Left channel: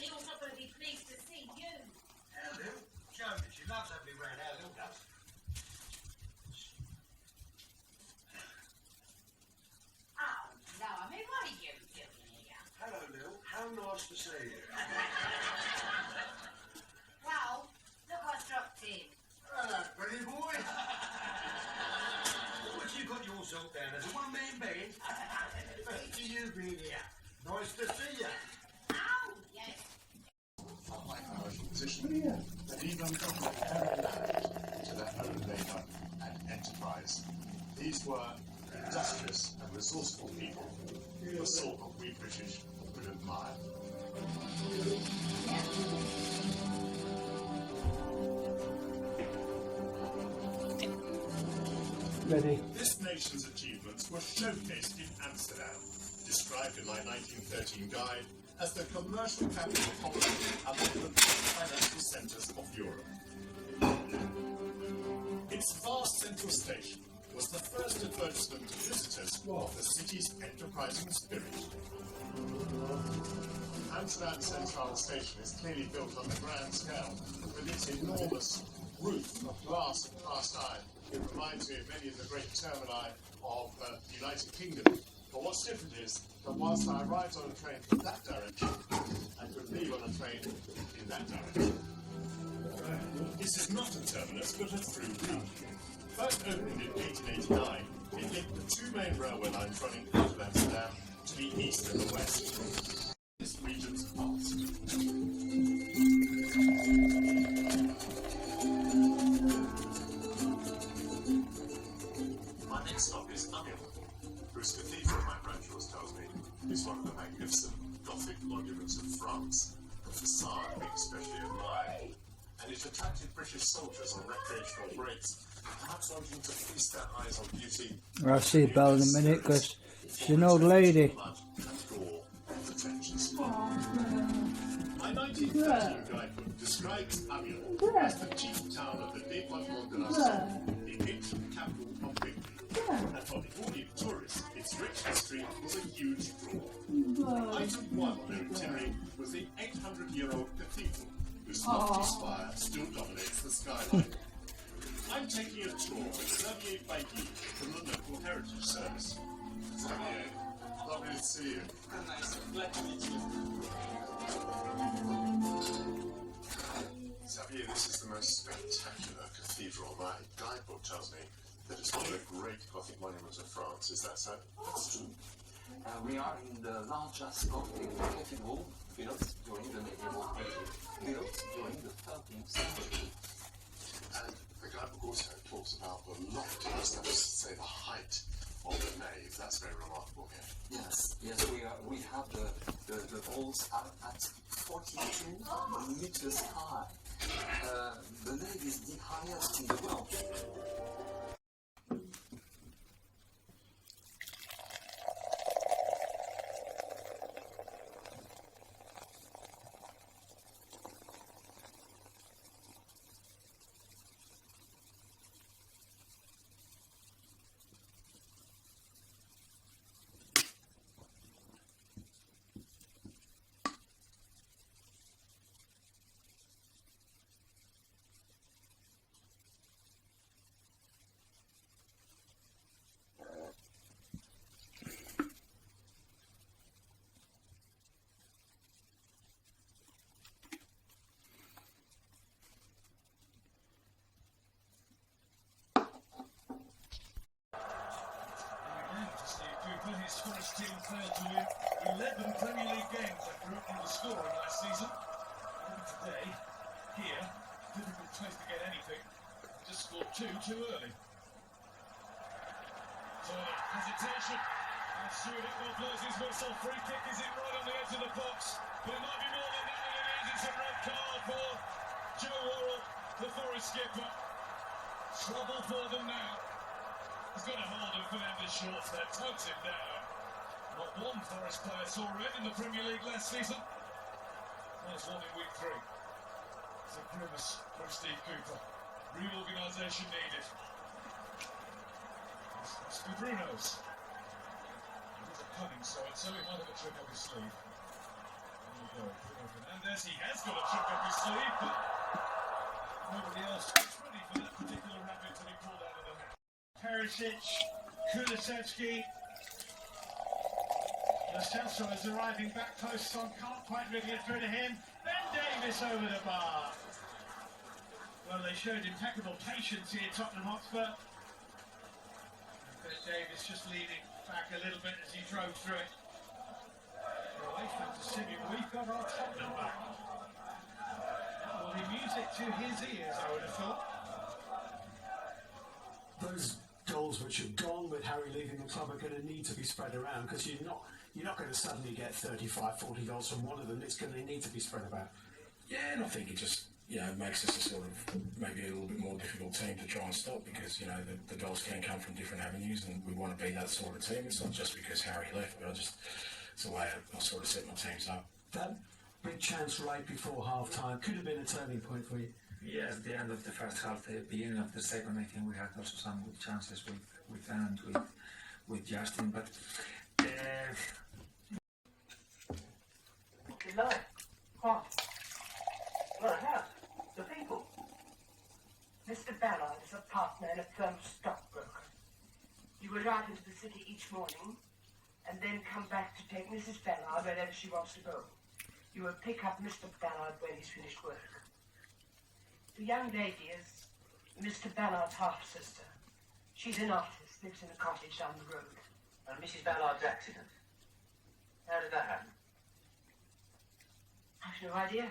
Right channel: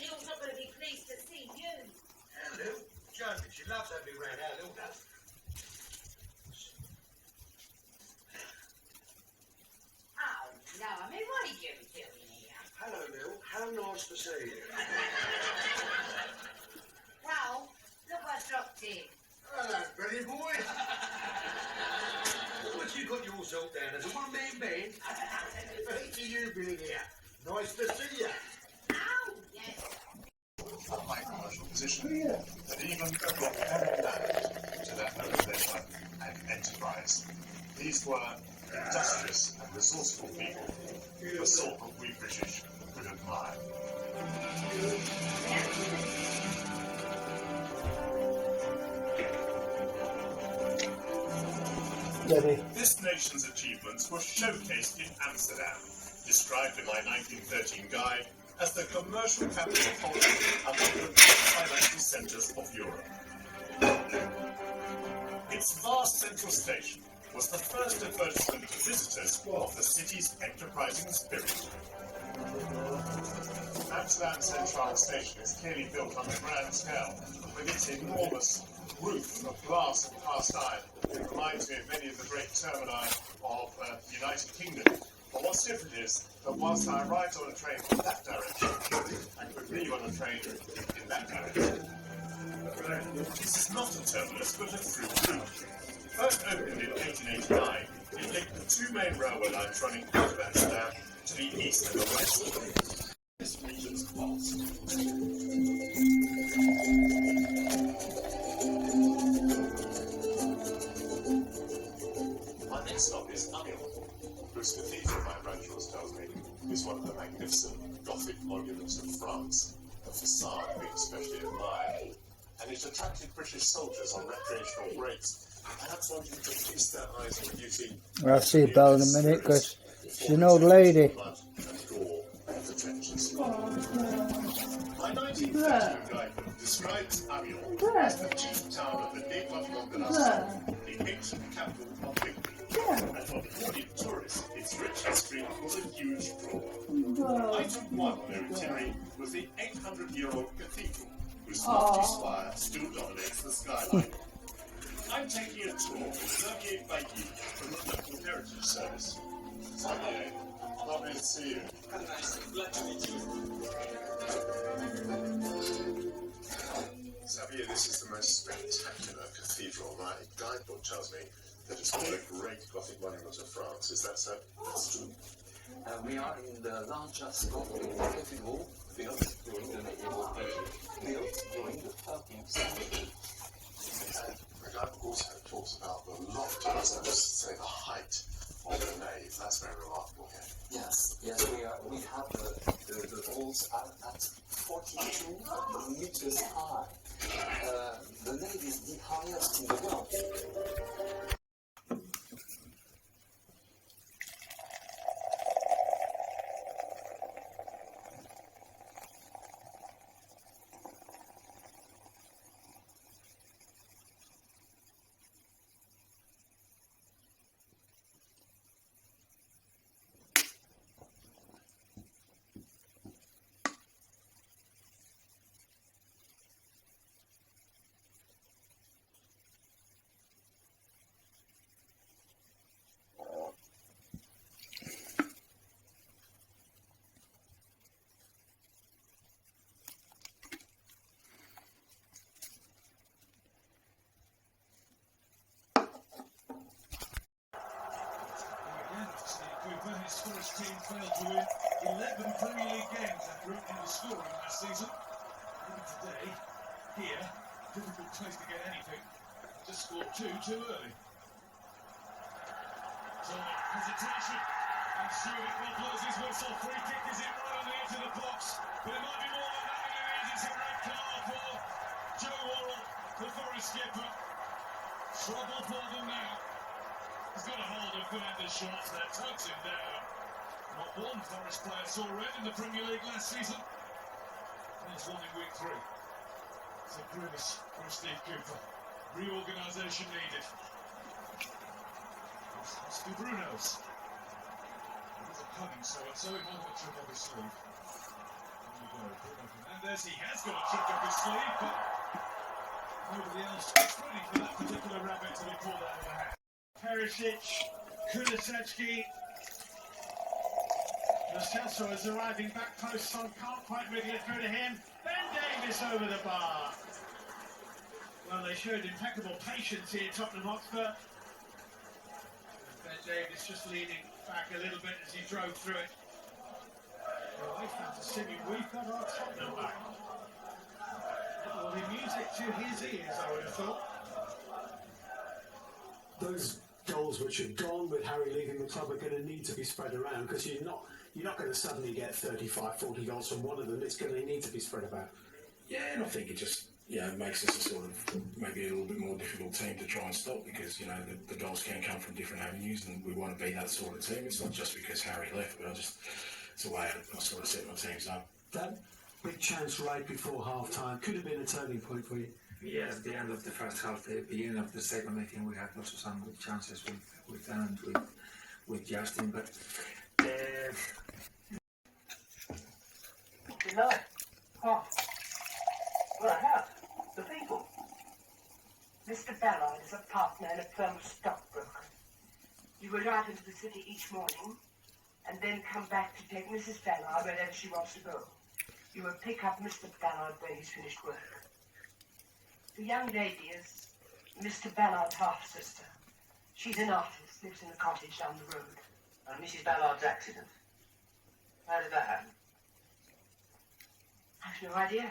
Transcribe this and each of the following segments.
Lil's not going to be pleased to see you. Lil, joking. She loves having me round. How Lil does. Oh, no, I mean, what are you doing here? Hello, Lil. How nice to see you. Well, look what's dropped in. Hello, pretty boy. What you got your salt down as a one-man band? Great to you being here. Nice to see you. Oh, yes. A high commercial position that even brought foreign land to their own leisure and enterprise. These were industrious and resourceful people, the sort of we British could admire. Ready. This nation's achievements were showcased in Amsterdam, described in my 1913 guide as the commercial capital of among the top financial centres of Europe. Its vast central station was the first advertisement to visitors of the city's enterprising spirit. Amsterdam Centraal Station is clearly built on a grand scale, with its enormous roof of glass and cast iron. It reminds me of many of the great termini of the United Kingdom. But what's different is that whilst I arrived on a train in that direction, I could leave on a train in that direction. This is not a terminus, but a through route. First opened in 1889, it linked the two main railway lines running out of Amsterdam to the east and the west. This region's vast. My next stop is Amiens, whose cathedral, my branch tells me, is one of the magnificent Gothic monuments of France, the facade being especially admired. And it attracted British soldiers on recreational breaks, perhaps wanting to feast their eyes on beauty. I'll see Belle in a minute because she's an old lady. My 1913 guidebook describes Amiens as the chief town of the Département de la Somme, the ancient capital of Brittany. And for the audience tourists, its rich history was a huge draw. Item 1 on their itinerary was the 800-year-old cathedral, whose lofty spire still dominates the skyline. I'm taking a tour with Xavier Bailly from the local heritage service. Xavier, lovely to see you. Nice, glad to meet you. Xavier, this is the most spectacular cathedral. My guidebook tells me that it's one of the great Gothic monuments of France. Is that so? That's true. We are in the largest Gothic cathedral built during the medieval period, built during the 13th century. And the guidebook also talks about the loftiness, that is to say, the height of the nave. That's very remarkable here. Yes, we have the walls are at 42 meters high. The nave is the highest in the world. His Forest team failed to win 11 Premier League games after opening the scoring last season. Maybe today, here, difficult place to get anything. Just scored two too early. So, hesitation. And Stuart Iqbal blows his whistle. Free kick is in right on the edge of the box. But it might be more than that than it is. It's a red card for Joe Worrell, the Forest skipper. Trouble for them now. He's got a hold of Fernandez Shorts there, tugs him down. Not one Forest player saw red in the Premier League last season. There's one in week 3. It's a grimace from Steve Cooper. Reorganisation needed. Must be Bruno's. He's a cunning so-and-so, he might have a trick up his sleeve. And we've Mendes, he has got a trick up his sleeve, but nobody else is ready for that particular rabbit to be pulled out of the hat. Perisic, Kulusevski. Lo Celso is arriving back post, Son can't quite wriggle it through to him. Ben Davies over the bar. Well, they showed impeccable patience here, Tottenham Hotspur. Ben Davies just leaning back a little bit as he drove through it. Away from Simi, we've got our Tottenham back. That will be music to his ears, I would have thought. Those goals which are gone with Harry leaving the club are going to need to be spread around, because you're not going to suddenly get 35, 40 goals from one of them. It's going to need to be spread about. Yeah, and I think it just makes us a sort of maybe a little bit more difficult team to try and stop, because the goals can come from different avenues, and we want to be that sort of team. It's not just because Harry left, but it's the way I sort of set my teams up. That big chance right before half time could have been a turning point for you. Yes, the end of the first half, the beginning of the second, I think we had also some good chances with Dan and with Justin, but No. What? Well, I have. The people. Mr. Ballard is a partner in a firm of stockbrokers. You will ride into the city each morning and then come back to take Mrs. Ballard wherever she wants to go. You will pick up Mr. Ballard when he's finished work. The young lady is Mr. Ballard's half-sister. She's an artist, lives in the cottage down the road. And Mrs. Ballard's accident. How did that happen? I've no idea.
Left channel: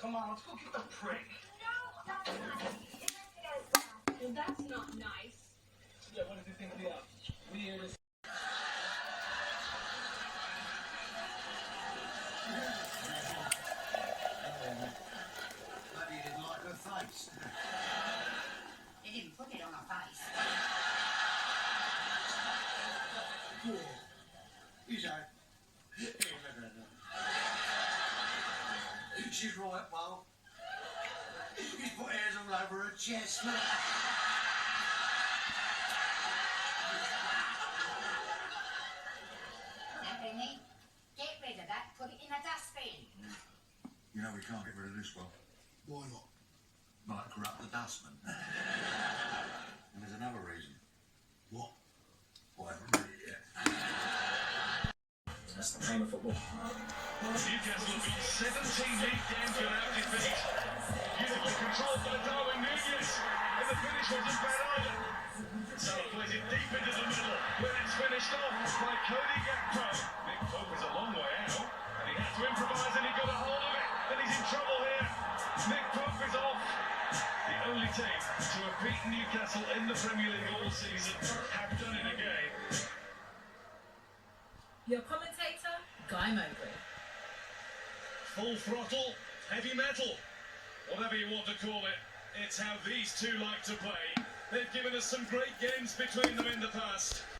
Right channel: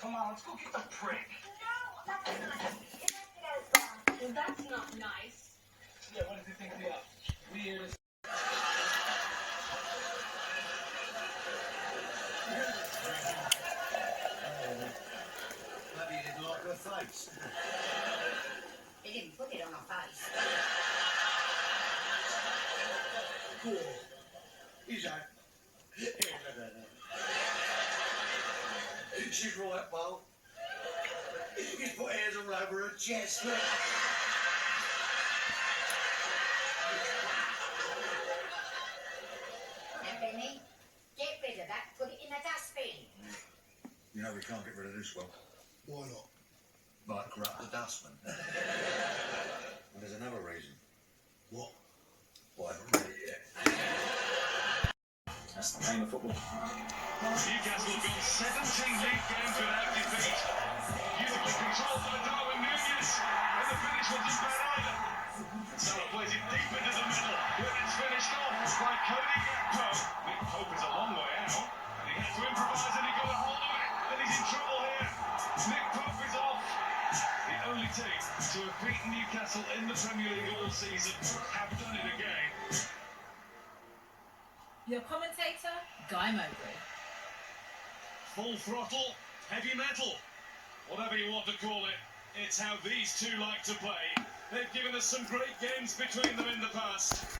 Come on, let's go get the prick. No, that's nice. Well, that's not nice. Yeah, what did you think they are? Weird as... Maybe you didn't like her face. They didn't put it on her face. He's out. She's right, Paul. He's put hairs all over her chest. Look. Now, Benny, get rid of that. Put it in a dustbin. You know we can't get rid of this one. Why not? Might corrupt the dustman. And there's another reason. What? Why haven't read it yet? that's the game of football. Newcastle have gone 17 league games without defeat. Beautiful control by Darwin Núñez, and the finish wasn't bad either. Salah plays it deep into the middle, where it's finished off by Cody Gakpo. Nick Pope is a long way out, and he had to improvise, and he got a hold of it, and he's in trouble here. Nick Pope is off. The only team to have beaten Newcastle in the Premier League all season have done it again. Your commentator, Guy Mowbray. Full throttle, heavy metal. whatever you want to call it, it's how these two like to play. They've given us some great games between them in the past.